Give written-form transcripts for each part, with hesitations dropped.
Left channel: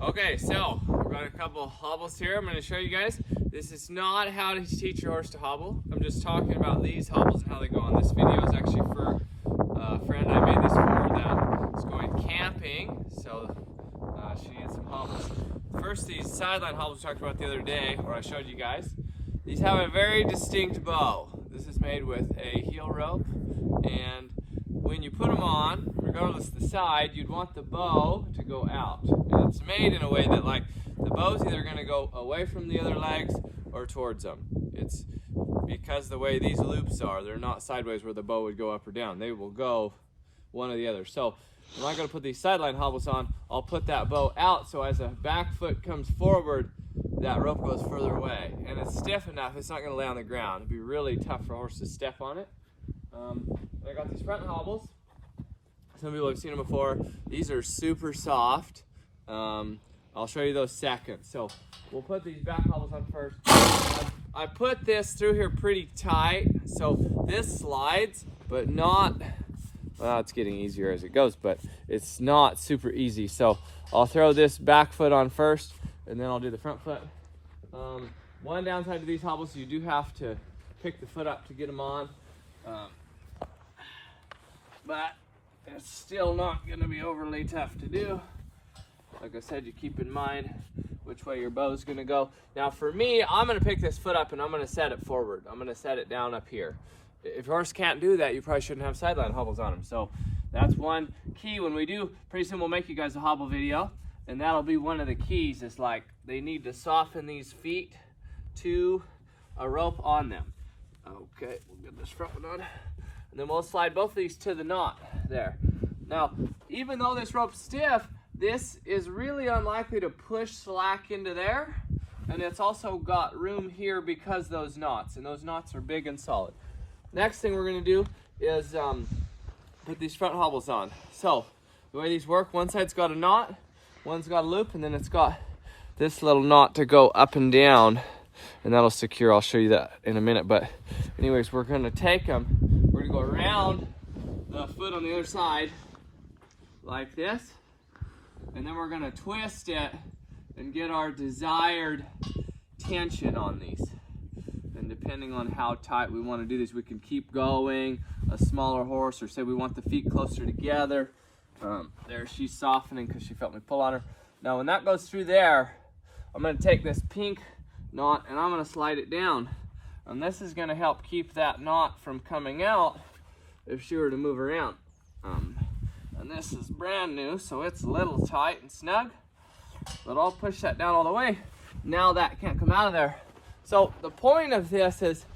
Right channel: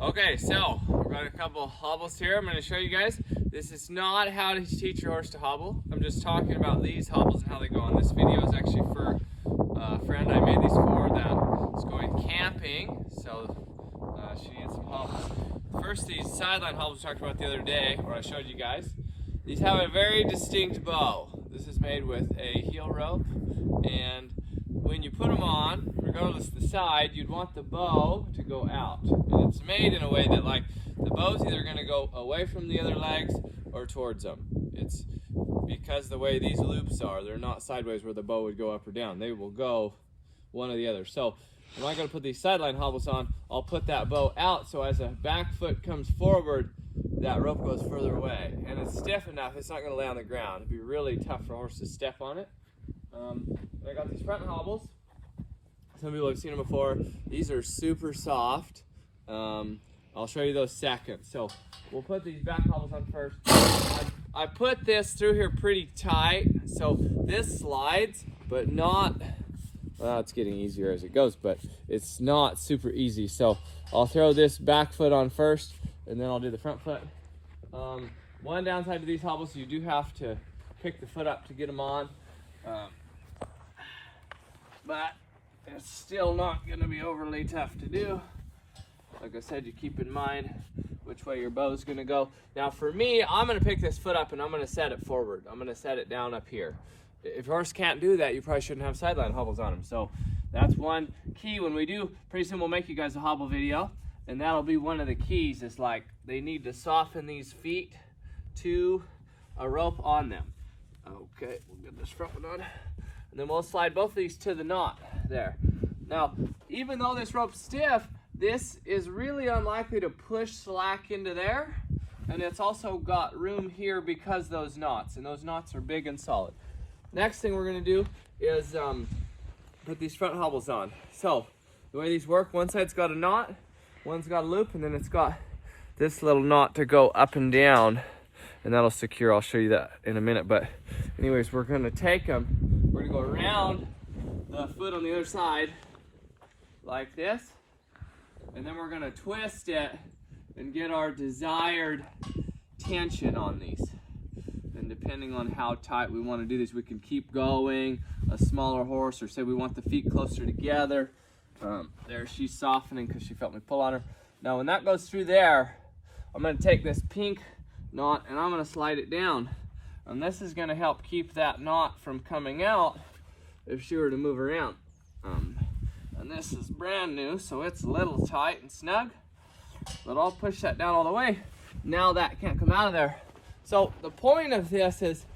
Okay, so I've got a couple hobbles here. I'm going to show you guys. This is not how to teach your horse to hobble. I'm just talking about these hobbles and how they go on. This video is actually for a friend I made these for that is going camping, so she needs some hobbles. First, these sideline hobbles I talked about the other day, or I showed you guys. These have a very distinct bow. This is made with a heel rope, and when you put them on, regardless of the side, you'd want the bow to go out. And it's made in a way that, like, the bow's either going to go away from the other legs or towards them. It's because the way these loops are, they're not sideways where the bow would go up or down. They will go one or the other. So when I'm going to put these sideline hobbles on, I'll put that bow out so as a back foot comes forward, that rope goes further away. And it's stiff enough, it's not going to lay on the ground. It'd be really tough for a horse to step on it. I got these front hobbles. Some people have seen them before. These are super soft. I'll show you those second. So we'll put these back hobbles on first. I put this through here pretty tight, so this slides, but not, well, it's getting easier as it goes, but it's not super easy. So I'll throw this back foot on first, and then I'll do the front foot. One downside to these hobbles, you do have to pick the foot up to get them on. But it's still not going to be overly tough to do. Like I said, you keep in mind which way your bow's going to go. Now for me, I'm going to pick this foot up and I'm going to set it forward. I'm going to set it down up here. If your horse can't do that, you probably shouldn't have sideline hobbles on him. So that's one key when we do. Pretty soon we'll make you guys a hobble video, and that'll be one of the keys. Is like they need to soften these feet to a rope on them. Okay, we'll get this front one on. And then we'll slide both of these to the knot there. Now, even though this rope's stiff, this is really unlikely to push slack into there. And it's also got room here because those knots, and those knots are big and solid. Next thing we're gonna do is put these front hobbles on. So, the way these work, one side's got a knot, one's got a loop, and then it's got this little knot to go up and down, and that'll secure. I'll show you that in a minute. But anyways, we're gonna take them. We're gonna go around the foot on the other side like this, and then we're gonna twist it and get our desired tension on these. And depending on how tight we want to do this, we can keep going. A smaller horse, or say we want the feet closer together. There, she's softening because she felt me pull on her. Now when that goes through there, I'm gonna take this pink knot and I'm gonna slide it down. And this is gonna help keep that knot from coming out if she were to move around. And this is brand new, so it's a little tight and snug, but I'll push that down all the way. Now that can't come out of there. So the point of this is,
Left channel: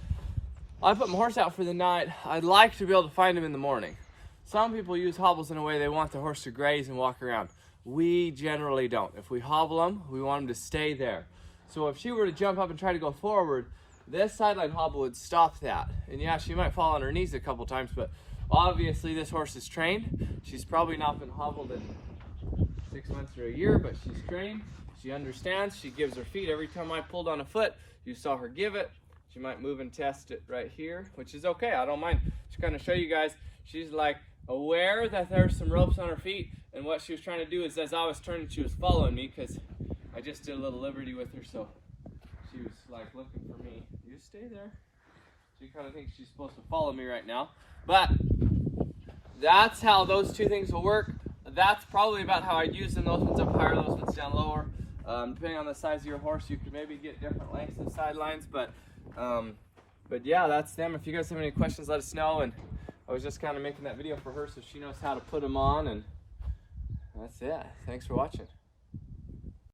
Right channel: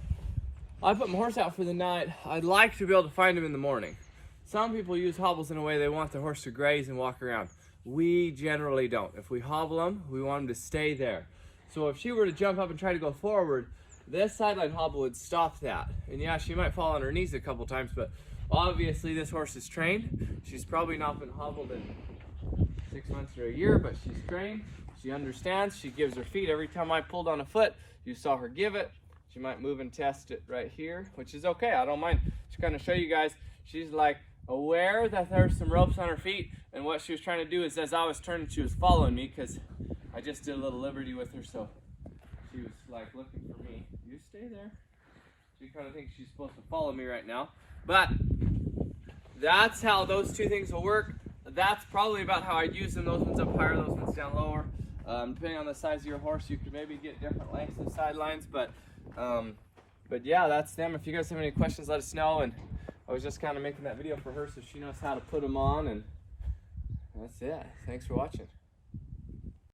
I put my horse out for the night. I'd like to be able to find him in the morning. Some people use hobbles in a way they want the horse to graze and walk around. We generally don't. If we hobble them, we want him to stay there. So if she were to jump up and try to go forward, this sideline hobble would stop that. And yeah, she might fall on her knees a couple times, but obviously this horse is trained. She's probably not been hobbled in 6 months or a year, but she's trained. She understands. She gives her feet. Every time I pulled on a foot, you saw her give it. She might move and test it right here, which is okay. I don't mind. Just kind of show you guys. She's like aware that there's some ropes on her feet, and what she was trying to do is, as I was turning, she was following me because I just did a little liberty with her, so she was like looking for me. You stay there. She kind of thinks she's supposed to follow me right now, but that's how those two things will work. That's probably about how I'd use them. Those ones up higher, those ones down lower. Depending on the size of your horse, you could maybe get different lengths of sidelines, but yeah, that's them. If you guys have any questions, let us know. And I was just kind of making that video for her so she knows how to put them on, and that's it. Thanks for watching.